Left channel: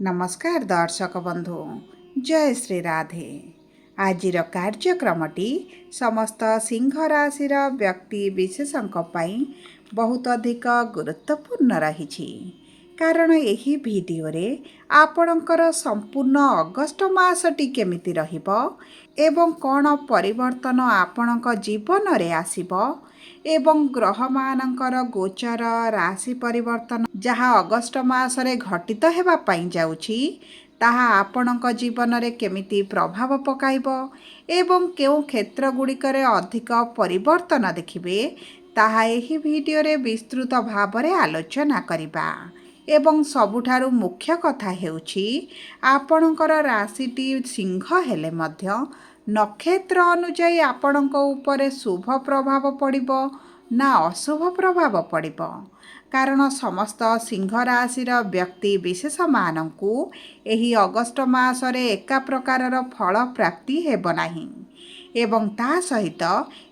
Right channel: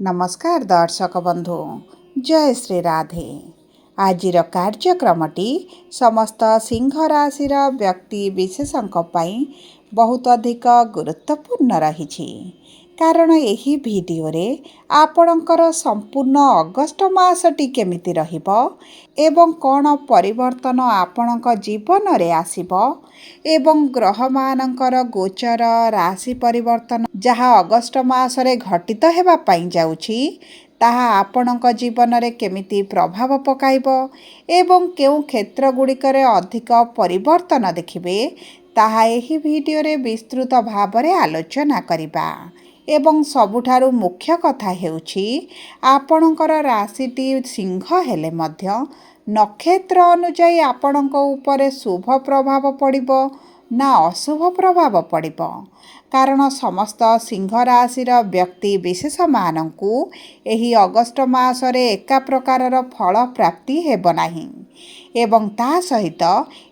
नमस्कार दर्शक बंधु जय श्री राधे। आजिर कार्यक्रमटी समस्त सिंह राशि व्यक्ति विशेषों बहुत अधिक गुरुत्वपूर्ण रही कारण यही वीडियो रे आपणकर संपूर्ण अगस्ट मासटी केमिति रहिबो एवं कौन परिवर्तन आपणक जीवन रे आसीबो एवं ग्रह मानकर गोचर राशि परिवर्तन जहाँ अगस्ट मासरे घटित हेबा पाई जाउछि ताहा आपणक जीवन रे केमिति प्रभाव पकाइबो एवं केउ क्षेत्र गुड़िकरे अधिक परिवर्तन देखिबे ताहा एही वीडियो रे विस्तृत भावरे आलोचना करिबा एवं सबुठारु मुख्य कथा हेउछि आपणकर राशिटी सिंह हेले मध्य नक्षत्र अनुଯାୟୀ आपणक उपरे शुभ प्रभाव पड़िबो ना अशुभ प्रभाव पड़िबो कारण समस्त सिंह राशिर व्यक्ति विशेष मानकु एही अगस्ट मासरे एका प्रकारर फल प्राप्ति हेबो नाही एवं ता सहित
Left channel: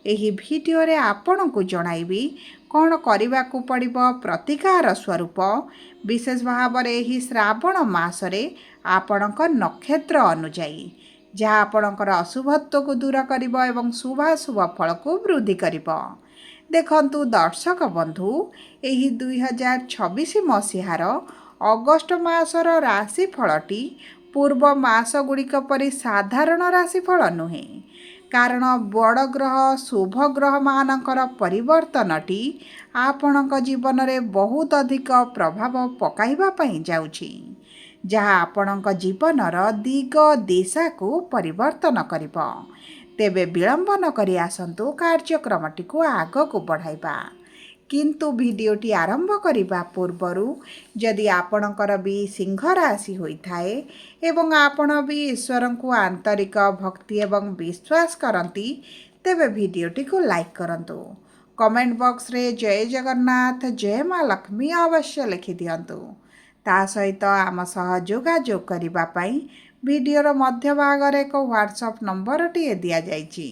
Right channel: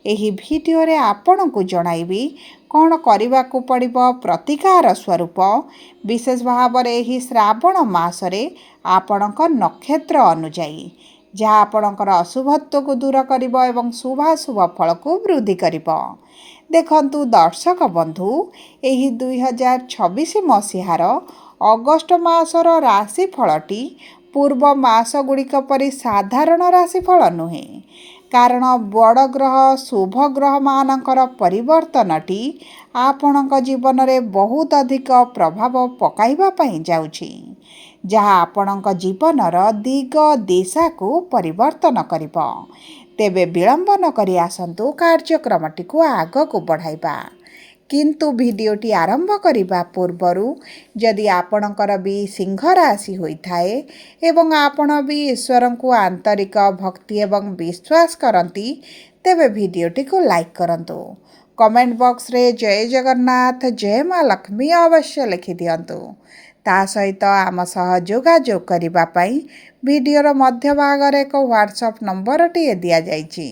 एही वीडियो रे आपणकु जणाइबी कौन करबाकू पड़िबो प्रतिकार स्वरूप विशेष भाव एही श्रावण मासरे आपणक नक्षत्र अनुଯାୟୀ जहाँ आपणकर अशुभत्व को दूर करिबो एवं शुभाशुभ फल को वृद्धि करिबो। देखंतु दर्शक बंधु एही 2026 मसीहार अगस्ट मासर राशि फलटी पूर्व मास गुड़िक परि साधारण राशि फल नुहे कारण बड़ ग्रह शुभ ग्रह मानकर परिवर्तनटी आपणक जीवन में बहुत अधिक प्रभाव पकाइबा पई जाउछि जहाँ आपणक जीवनर दिग दिशा को परिवर्तन करिबो। तेबे विलंब न करि आसंतु कार्यक्रमटी को आग को बढ़ाइबा किंतु वीडियोटी आरंभ करिबा पूर्वरु यदि आपणकर भी सिंह राशि होइथाए एवं आपण भी ईश्वर को आंतरिक भक्ति एवं विश्वास करती तेबे वीडियोटी को लाइक करंतु कमेंट बॉक्स रे जय जगन्नाथ जय माँ लक्ष्मी अवश्य लिखि दियंतु ता सहित आम सह जोगाजोग करिबा पई वीडियोर मध्य भाग एक व्हाट्सएप नंबर टी दिया जाइछि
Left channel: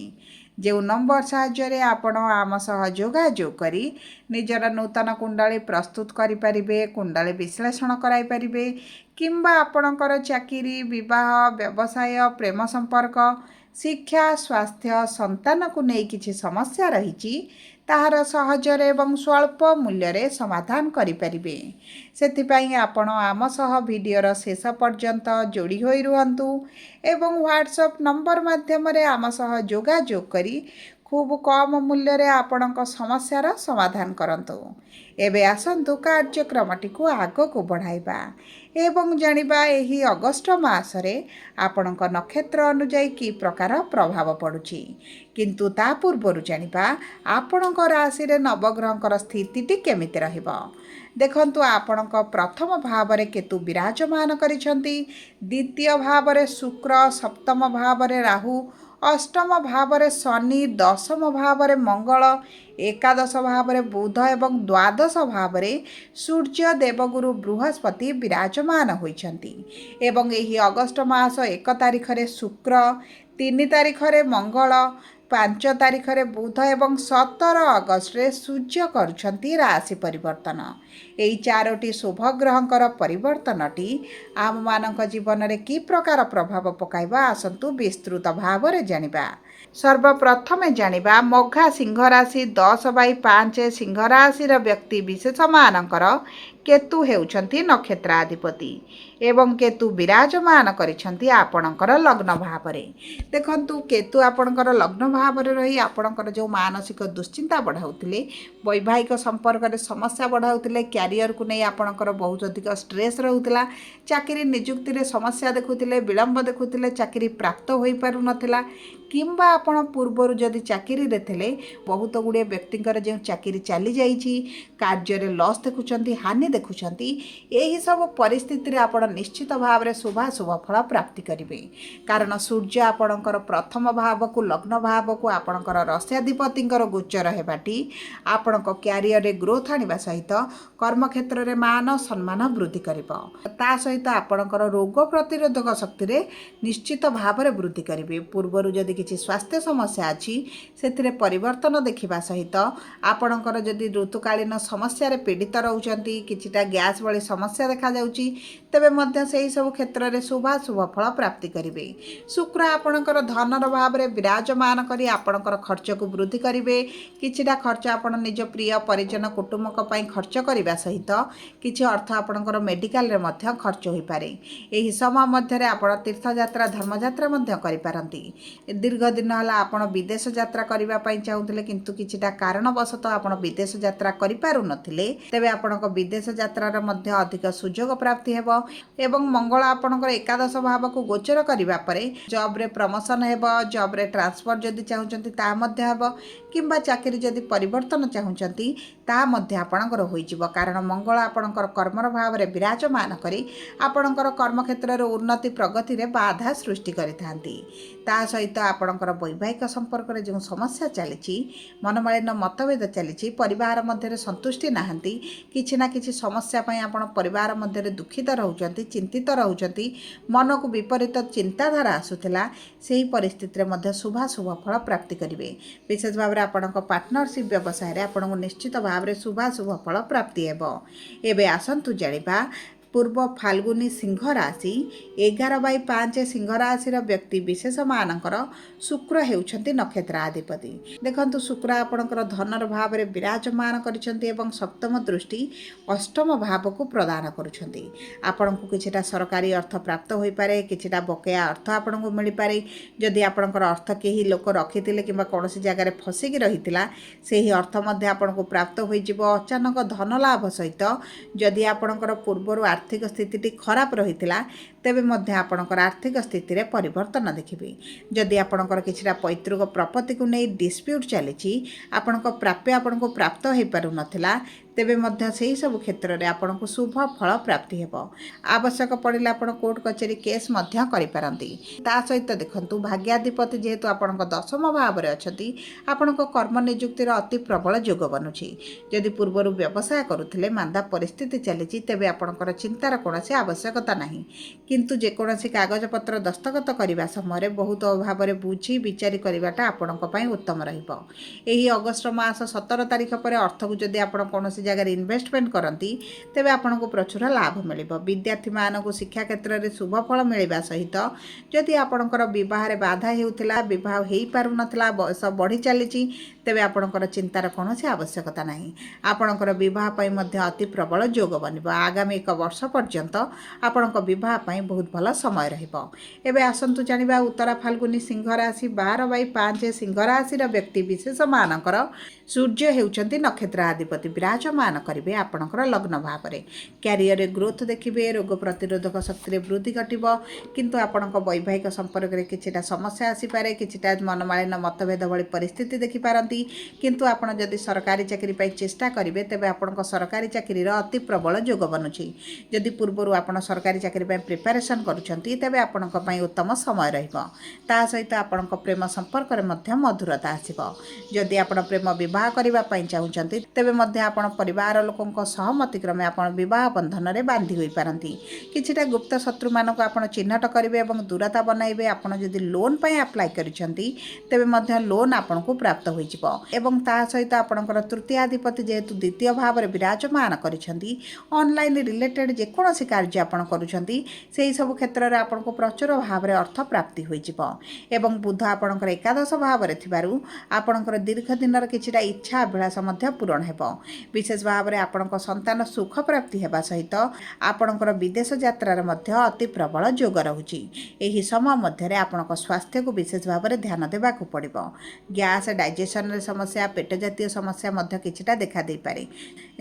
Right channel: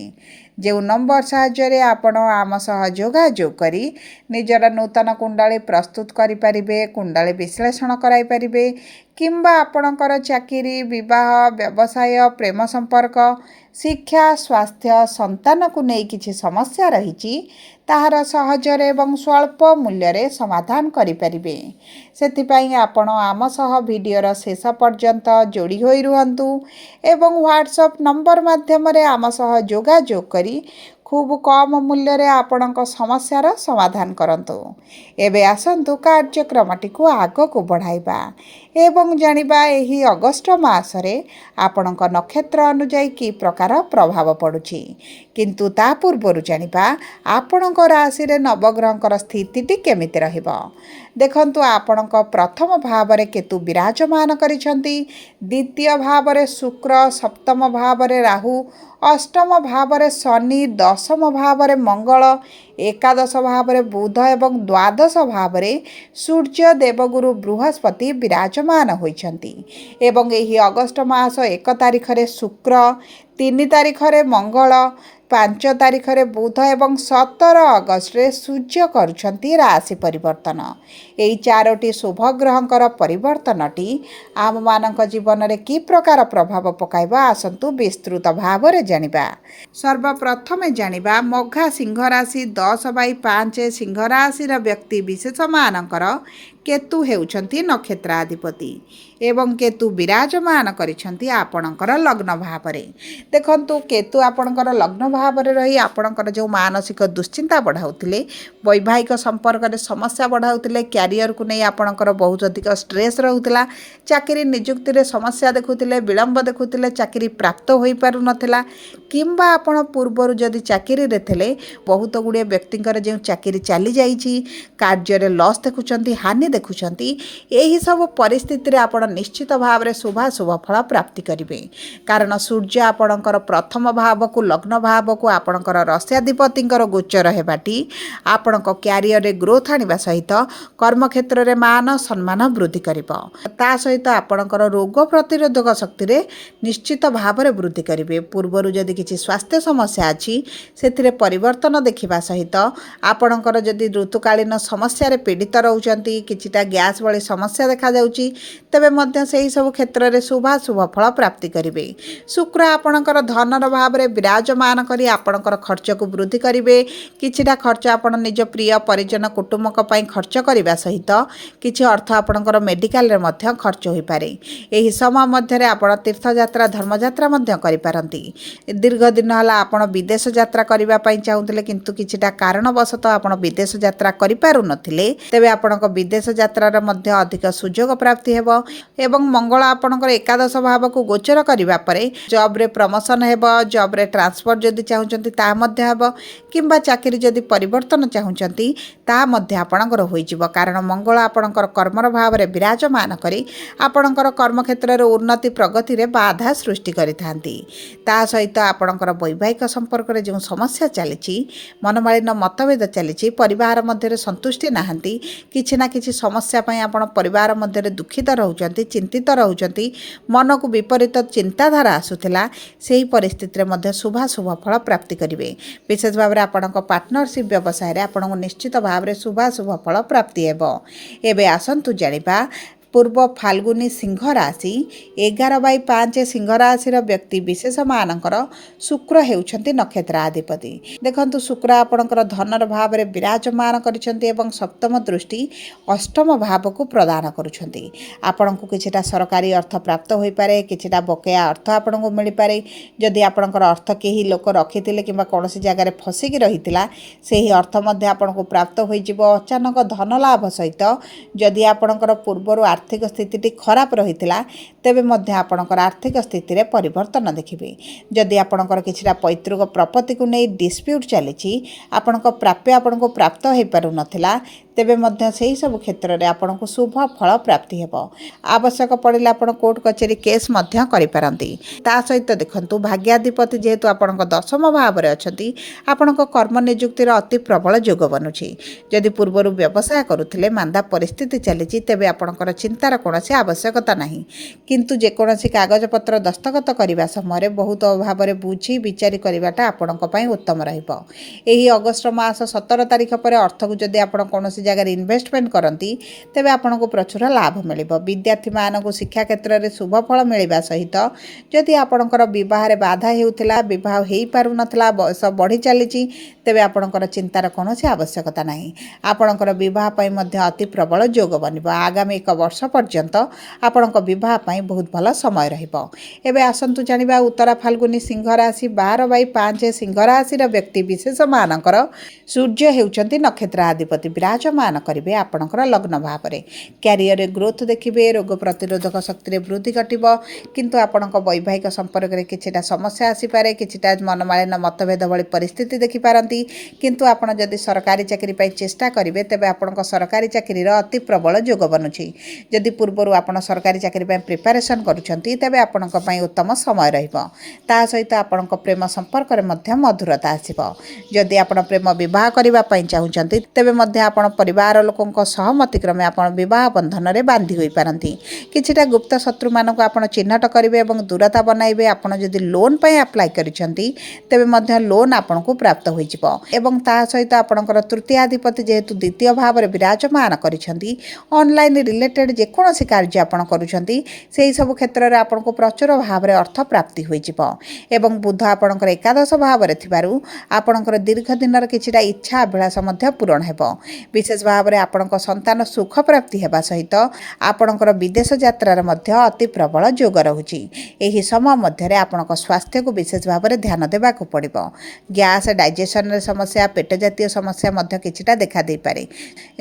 जो नंबर साहाय्य आपण आम सह जोगाजोग करी निजर नूतन कुंडली प्रस्तुत करि परिबे कुंडली विश्लेषण कराई परिबे किंबा आपणकर चाकरी विवाह व्यवसाय प्रेम संपर्क शिक्षा स्वास्थ्य संतान को नहीं किछि समस्या रही ताहार सहजरे एवं स्वल्प मूल्य रे समाधान करि परिबे सेथिपाई आपण आम सह वीडियोर शेष पर्यंत जोड़ी होई रुहंतु एवं व्हाट्सएप नंबर माध्यम रे आम सह जोगाजोग करी खूब कम मूल्य रे आपणक समस्यार समाधान करंतु। एबे आसंतु कार्यक्रमटी को आग को बढ़ाइबा एवं जानिबा एही अगस्ट मासरे आपणक नक्षत्र अनुଯାୟୀ की प्रकार प्रभाव पड़ुछि किंतु ता पूर्वरु जानिबा आपणक राशि रे नवग्रहंकर स्थितिटी केमिति रहिबो। देखंतु आपणक प्रथम भाव रे केतु विराजमान करिसंती द्वितीय भाव रे शुक्र सप्तम भाव रे राहु अष्टम भाव रे शनि दशम भाव रे मंगल एकादश भाव रे बुध एवं द्वादश भाव रे सूर्य देवगुरु बृहस्पति विराजमान होइछंती एवं एही अगस्ट मास 1 तारिख रे शुक्र 3 तारिख रे मंगल 5 तारिख रे बुध एवं 17 अगस्त रे सूर्य करुछंती राशि परिवर्तन एई चारोटी शुभ ग्रहंकर परिवर्तनटी आम मानक जीवन रे की प्रकार प्रभाव पकाइबा आसंतु विस्तृत भाव रे जानिबा। सर्वप्रथमे जानिबा मघा सिंह राशि 10/5 सिंह राशि व्यक्ति विशेष मानकर केतु हेउछंती नक्षत्राधिपति एवं केतु विराजमान करिछंती आपणकर लग्न भावरे। देखंतु केतु आपणकर लग्न भावरे रही आपणकर जो मानसिक दुश्चिंता बढ़ाउथिले वैवाहिक संपर्क रे समस्या बढ़ाउथिले कैरियर को नहीं आपणकर बहुत अधिक स्ट्रेस रहउथिला चाकरी नियुक्ति रे समस्या देखुथिले विलंब देखुथिले चाकरी प्राप्त होई पारु नथिला किंबा आपण पूर्वरु जदि चाकरी रे थिले बहुत गुड़े व्यक्तिंकर जो चाकरी चली जाइछि कार्य रे लॉस देखुचंती हानि देखुचंती एही सब परिस्थिति रे आपण निश्चित भाव रे शुभाशुभ फल प्राप्ति करिवे कारण सूर्य आपणकर प्रथम भाव को लग्न भाव को आपणकर राश्याधिपतिंकर गोचर हेबाटी आपणक कैरियर रे ग्रोथ आनिबा सहित କର୍ମକ୍ଷେତ୍ରରେ ମାନ ସମ୍ମାନ ବୃଦ୍ଧି କରିବ। ତା ସହିତ ଆପଣଙ୍କର ରୋଗ ପ୍ରତିରୋଧକ ଶକ୍ତିରେ ନିଶ୍ଚିତ ଭାବରେ ବୃଦ୍ଧି କରିବେ। ପୂର୍ବରୁ ଯଦି କିଛି ସ୍ୱାସ୍ଥ୍ୟ ସମସ୍ୟା ଅଛି ସେଥିରେ ପରିବର୍ତ୍ତନ ଦେଖିବା ସହିତ ଆପଣଙ୍କର ଯଦି ଋତୁକାଳୀନ ସମସ୍ୟାରେ ପୀଡ଼ିତ ରହୁଛନ୍ତି, କିଛିଟା ଗ୍ୟାସ୍ ଭଳି ସମସ୍ୟା ଦେଖାଯାଉଛି, ତେବେ ମଧ୍ୟ ସେହିସବୁ କ୍ଷେତ୍ରରେ ଶୁଭାଶୁଭ ଫଳ ପ୍ରାପ୍ତି କରିବେ। ଶୁକ୍ର ଆପଣଙ୍କର ଧନର ଭାବରେ ବିରାଜମାନ କରି ଆପଣଙ୍କର ଖର୍ଚ୍ଚକୁ ବୃଦ୍ଧି କରିବେ। କିଛିଟା ଖର୍ଚ୍ଚ ଆପଣ ନିଜ ପ୍ରିୟ ପରିଜନ କୁଟୁମ୍ବଙ୍କ ପାଇଁ ଖର୍ଚ୍ଚ କରିବା ସହିତ କିଛି ଅର୍ଥ ଆପଣଙ୍କର ମେଡ଼ିକାଲରେ ମଧ୍ୟ ଖର୍ଚ୍ଚ ହୋଇପାରେ। ଏହି ସମୟ ମଧ୍ୟରେ ଆପଣ ତୀର୍ଥଯାତ୍ରା ଧର୍ମଯାତ୍ରା ମଧ୍ୟ କରିପାରନ୍ତି। ଦୀର୍ଘ ଦିନ ହେଲା ଆପଣ ବିଦେଶ ଯାତ୍ରା କରିବା ପାଇଁ ଚାହୁଁଥିଲେ କିନ୍ତୁ କିଛିଟା କାରଣବଶତଃ ଆପଣ ବିଦେଶ ଯାତ୍ରା କରିପାରୁନଥିଲେ, ତେବେ ଆପଣଙ୍କ ବିଦେଶ ଯାତ୍ରାର ମଧ୍ୟ ଅଧିକ ସୁଯୋଗ ପ୍ରାପ୍ତି ହେବ ଏବଂ ମଙ୍ଗଳ ଆପଣଙ୍କର ଏକାଦଶ ଭାବକୁ ଗୋଚର କରିବା ପରେ ଜବ୍ରେ ପ୍ରମୋସନ୍ ହେବ। ଜବ୍ରେ ଟ୍ରାନ୍ସଫର ଯଦି ଚାହୁଁଛନ୍ତି ତାହା ମଧ୍ୟ ହେବ କିମ୍ବା ଚାକିରି ଯଦି ପରିବର୍ତ୍ତନ ଚାହୁଁଛନ୍ତି ତାହା ମଧ୍ୟ ଆପଣଙ୍କର ହୋଇଯିବ। କାରଣ ମଙ୍ଗଳ ଆପଣଙ୍କର କର୍ମର ଭାବରେ ବିରାଜମାନ କରି ଆପଣଙ୍କର କର୍ମକ୍ଷେତ୍ରରେ ଉନ୍ନତି ପ୍ରଗତିରେ ବାଧା ସୃଷ୍ଟି କରିଥାନ୍ତି। ତା ସହିତ ଆପଣଙ୍କର ବୈବାହିକ ସମ୍ପର୍କରେ ଯେଉଁ ସମସ୍ୟା ଚାଲିଛି, ମନମାଳିନ୍ୟ ମତଭେଦ ଚାଲିଛି, ପରିବାର ମଧ୍ୟରେ ସନ୍ତୁଷ୍ଟି ନାହାନ୍ତି, କିଛି ନା କିଛି ସମସ୍ୟା ପାଇଁ ଆପଣ ପରିବାର ମଧ୍ୟରେ ଦୁଃଖିତ ରହୁଛନ୍ତି, ଚିନ୍ତିତ ରହୁଛନ୍ତି, ମନକୁ ବିପରୀତ ଚିନ୍ତାଧାରା ଆସୁଥିଲା, ସେହି ପରିସ୍ଥିତିରେ ମଧ୍ୟ ଶୁଭାଶୁଭ ଫଳ ପ୍ରାପ୍ତି କରିବେ। ବିଶେଷ ଭାବରେ ଆପଣଙ୍କ ପାର୍ଟନରସିପ୍ ବ୍ୟବସାୟରେ ଆପଣଙ୍କୁ ନିଶ୍ଚିତ ଭାବରେ ଶୁଭାଶୁଭ ଫଳ ପ୍ରାପ୍ତି ହେବ। ଏବେ ଆସନ୍ତୁ ଜାଣିବା ପୂର୍ବ ଫାଲ୍ଗୁନୀ ସିଂହ ରାଶି 11/5 ସିଂହ ରାଶିର ବ୍ୟକ୍ତି ବିଶେଷମାନଙ୍କର ଶୁକ୍ର ହେଉଛନ୍ତି ନକ୍ଷତ୍ରାଧିପତି। ଦେଖନ୍ତୁ, ଶୁକ୍ର ଆପଣଙ୍କର ଧନର ଭାବରେ ବିରାଜମାନ କରିଛନ୍ତି ଏବଂ ସପ୍ତମ ଦୃଷ୍ଟି ଅଷ୍ଟମ ଭାବକୁ ପ୍ରଦାନ କରୁଛନ୍ତି। ଆପଣଙ୍କୁ କିଛିଟା ସରକାରୀ ଅର୍ଥ ପ୍ରାପ୍ତ ହୋଇପାରେ, କିଛିଟା ବକେୟା ଅର୍ଥ ଆପଣଙ୍କୁ ମିଳିପାରେ। ଯଦି ଆପଣଙ୍କର ଅର୍ଥ କେହି ଲୋକ ରଖିଥିଲେ କିମ୍ବା କୌଣସି ଜାଗାରେ ଫସିକି ରହିଥିଲା, ସେହି ଅର୍ଥ ମଧ୍ୟ ଆପଣଙ୍କୁ ପ୍ରାପ୍ତ ହୋଇଯିବ। ଅଚାନକ ଧନ ଲାଭ ସହିତ ଯଦି ଆପଣଙ୍କର ପୂର୍ବରୁ ଆର୍ଥିକ ସ୍ଥିତିଟି ଖରାପ ରହିଥିଲା, ତେବେ ମଧ୍ୟ ଆପଣଙ୍କର ଆର୍ଥିକ ସ୍ଥିତିରେ ପରିବର୍ତ୍ତନ ଦେଖିବେ। ଯଦି ଆପଣଙ୍କର କିଛିଟା ପୈତୃକ ପ୍ରପର୍ଟିକୁ ନେଇ ଡିସ୍ପ୍ୟୁଟ୍ ଚାଲିଛି, ଆପଣଙ୍କ ପ୍ରାପ୍ୟ ଆପଣଙ୍କୁ ପ୍ରାପ୍ତ ହୋଇପାରୁନଥିଲା, ତେବେ ମଧ୍ୟ ସେହିସବୁ କ୍ଷେତ୍ରରେ ଆପଣଙ୍କୁ ଶୁଭ ଫଳ ପ୍ରାପ୍ତି ହେବ। ଆବଶ୍ୟକ ପଡ଼ିଲେ ଆପଣ କୋର୍ଟ କଚେରୀ କେସ୍ ମଧ୍ୟ କରିପାରନ୍ତି। ତା ସହିତ ଦେଖନ୍ତୁ, ଭାଗ୍ୟାଧିପତି ଯେହେତୁ ଆପଣଙ୍କ ଦଶମ ଭାବରେ ଅଛନ୍ତି, ଆପଣଙ୍କ କର୍ମ ନିଯୁକ୍ତିର ଅତି ପ୍ରବଳ ଯୋଗ ବନୁଛି। ଯଦି ପୂର୍ବରୁ ବ୍ୟବସାୟ କରୁଥିଲେ, ମାନ୍ଦା ପରିସ୍ଥିତି ଚାଲିଛି, ତେବେ ଆପଣଙ୍କର ଚିନ୍ତାର କୌଣସି ଆବଶ୍ୟକତା ନାହିଁ। କିନ୍ତୁ ଯେକୌଣସି କାଗଜପତ୍ର ଦସ୍ତଖତ କରିବା ସମୟରେ ବହୁତ ଭାବରେ ବୁଝି ବିଚାରି କରିବାଟା ଆପଣଙ୍କ ପାଇଁ ଉତ୍ତମ ରହିବ। ଏହି ଅଗଷ୍ଟ ମାସ 17 ତାରିଖ ପରେ ଅର୍ଥକୁ ଯଦି ଆପଣ କୌଣସି ଜାଗାରେ ଇନଭେଷ୍ଟମେଣ୍ଟ କରନ୍ତି, ତେବେ ଆପଣଙ୍କୁ ପ୍ରଚୁର ଲାଭ ମିଳିବ। ବିଦ୍ୟାର୍ଥୀମାନଙ୍କୁ ଶିକ୍ଷା କ୍ଷେତ୍ରରେ ଶୁଭ ଫଳ ମିଳିବା ସହିତ ଯଦି ଆପଣଙ୍କର ବିବାହରେ ବାଧା ହେଉଥିଲା, ବିବାହ ହୋଇପାରୁନଥିଲା, ବୟସ ବଢ଼ି ଚାଲିଛି, ତେବେ ଆପଣଙ୍କର ଚିନ୍ତାର କୌଣସି ଆବଶ୍ୟକତା ନାହିଁ। ଆପଣଙ୍କର ବିବାହ ପାଇଁ ମଧ୍ୟ ଅତି ପ୍ରବଳ ଯୋଗ ବନିବ। ଆଗାମୀ 1 ବର୍ଷ ପର୍ଯ୍ୟନ୍ତ ଆପଣଙ୍କ ବିବାହ ପାଇଁ ବହୁତ ଭଲ ସମୟ ରହିବ। ଏବେ ଆସନ୍ତୁ ଜାଣିବା ଉତ୍ତରା ଫାଲ୍ଗୁନୀ ସିଂହ ରାଶି 12/5 ସିଂହ ରାଶିର ବ୍ୟକ୍ତି ବିଶେଷମାନଙ୍କର ସୂର୍ଯ୍ୟ ହେଉଛନ୍ତି ନକ୍ଷତ୍ରାଧିପତି। ବିରାଜମାନ କରିବେ ଆପଣଙ୍କର ଲଗ୍ନ ଭାବରେ। କ୍ୟାରିୟରରେ ଗ୍ରୋଥ ଦେଖିବେ, ରୋଗ ପ୍ରତିରୋଧକ ଶକ୍ତିରେ ବୃଦ୍ଧି ଘଟିବ। କିନ୍ତୁ ଆପଣଙ୍କ ବୈବାହିକ ସମ୍ପର୍କରେ କିଛିଟା ସମସ୍ୟା ଆସିପାରେ, କିଛିଟା ମନମାଳିନ୍ୟ ମତଭେଦ ଭଳି ପରିସ୍ଥିତି ଦେଖିପାରନ୍ତି। କିନ୍ତୁ ଆପଣ ଯଦି ସରକାରୀ ଚାକିରି ପାଇଁ ଚେଷ୍ଟା କରିବେ, ତେବେ ଆପଣଙ୍କ ସରକାରୀ ଚାକିରିର ଅତି ପ୍ରବଳ ଯୋଗ ବନୁଛି। ଯଦି ପୂର୍ବରୁ ଆପଣ ସରକାରୀ ଚାକିରି ପାଇଁ ପ୍ରିପାରେସନ୍ କରୁଛନ୍ତି, ତେବେ ଆପଣଙ୍କ ପାଇଁ ଉତ୍ତମ ସମୟ ରହିବ। ତା ସହିତ ଆପଣଙ୍କ ପ୍ରେମ ସମ୍ପର୍କରେ ମଧ୍ୟ ମଧୁରତା ଆସିବ। ଯଦି ଆପଣ ପ୍ରେମ ବିବାହ କରିବା ପାଇଁ ଚାହୁଁଛନ୍ତି, ତେବେ ମଧ୍ୟ ଆପଣ ପରିବାର ଲୋକଙ୍କ ସହମତି କ୍ରମେ ଆପଣ ବିବାହ ବନ୍ଧନରେ ବାନ୍ଧି ହୋଇପାରନ୍ତି। କିଛିଟା ଗୁପ୍ତ ଶତ୍ରୁମାନଙ୍କୁ ଆପଣ ଚିହ୍ନଟ କରିବେ ଏବଂ ଦୂରତା ବନାଇବେ। ଆପଣ ଯଦି ଲୋନ୍ ପାଇଁ ଆପ୍ଲାଏ କରିଛନ୍ତି, ତେବେ ମଧ୍ୟ ଲୋନ୍ ଆପଣଙ୍କୁ ପ୍ରାପ୍ତ ହୋଇଯିବ। ଏବଂ ତା ସହିତ ଆପଣଙ୍କର ତୃତୀୟାଧିପତି ଯେହେତୁ ଦ୍ୱିତୀୟ ଭାବରେ ବିରାଜମାନ କରିଛନ୍ତି, ଅନଲାଇନ୍ ରିଲେଟେଡ୍ ଯେକୌଣସି କାର୍ଯ୍ୟ ଆପଣ କରୁଛନ୍ତି, ସେହିସବୁ କ୍ଷେତ୍ରରେ ଆପଣଙ୍କୁ ପ୍ରଚୁର ଭାବରେ ଅର୍ଥ ପ୍ରାପ୍ତି ହୋଇଯିବ। ଏବଂ ବୁଧ ଆପଣଙ୍କର ଏକାଦଶ ଭାବରେ ଥିବାରୁ ଆପଣଙ୍କର ଦୀର୍ଘ ଦିନର କିଛିଟା ଇଚ୍ଛା ଅଭିଳାଷ ମଧ୍ୟ ପୂରଣ ହେବ। ବିଶେଷ ଭାବରେ ଆପଣଙ୍କ ସନ୍ତାନ ସୁଖ ପ୍ରାପ୍ତି ହେବା ସହିତ ଆପଣଙ୍କର ବିଦେଶ ଯାତ୍ରାର ମଧ୍ୟ ଅତି ପ୍ରବଳ ଯୋଗ ରହୁଛି। ଏହି ସମୟ ମଧ୍ୟରେ ଆପଣଙ୍କ ସ୍ୱାସ୍ଥ୍ୟକୁ ବିଶେଷ ଭାବରେ ଧ୍ୟାନ ଦେବାକୁ ପଡ଼ିବ। ଗ୍ୟାସ୍, ଡାଇଜେସନରେ ସମସ୍ୟା, ପେଟ ଜାତୀୟ ସମସ୍ୟା ମଧ୍ୟ କିଛିଟା ଦେଖାଦେଇପାରେ।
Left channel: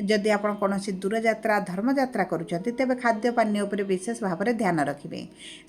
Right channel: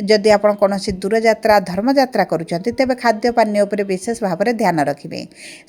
ଯଦି ଆପଣ କୌଣସି ଦୂରଯାତ୍ରା ଧର୍ମଯାତ୍ରା କରୁଛନ୍ତି, ତେବେ ଖାଦ୍ୟ ପାନୀୟ ଉପରେ ବିଶେଷ ଭାବରେ ଧ୍ୟାନ ରଖିବେ।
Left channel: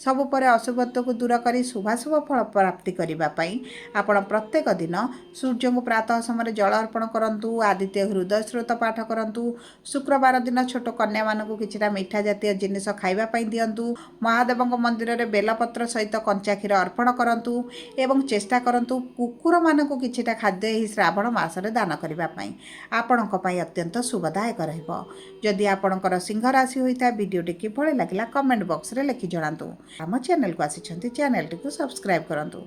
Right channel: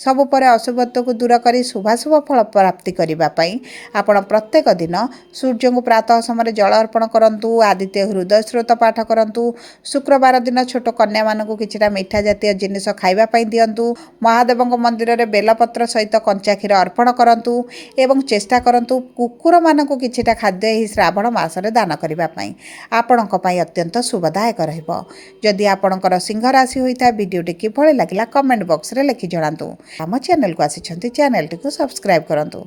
ସବୁ ପରେ ଅଶୁଭତ୍ୱକୁ ଦୂର କରି ଶୁଭାଶୁଭ ଫଳ ପ୍ରାପ୍ତି କରିବା ପାଇଁ ଆପଣ ପ୍ରତ୍ୟେକ ଦିନ ସୂର୍ଯ୍ୟଙ୍କୁ ପ୍ରାତଃ ସମୟରେ ଜଳ ଅର୍ପଣ କରନ୍ତୁ, ଆଦିତ୍ୟ ହୃଦୟ ସ୍ରୋତ पाठ करंतु। शुक्रवार दिन छोट कन्या मानकु किछिटा मिठा जातीय जिनिस खाइबा पई दियंतु। महादेवଙ୍କ मन्दिररे बेलपत्र सहित कंचा क्षीर अर्पण करंतु एवं चेष्टा करंतु कुकुर मानकु किछिटा खाद्य एही श्रावण मासरे दान करिबा पई। आपणक पई अत्यंत शुभदायक रहिबो। जदि आपणकर सिंह राशि होइता भिडियोटी किभଳି लागिला कमेंट बॉक्स रे लिखि जणांतु। आम चैनल को आसिछंती चैनल टी को सब्सक्राइब करंतु।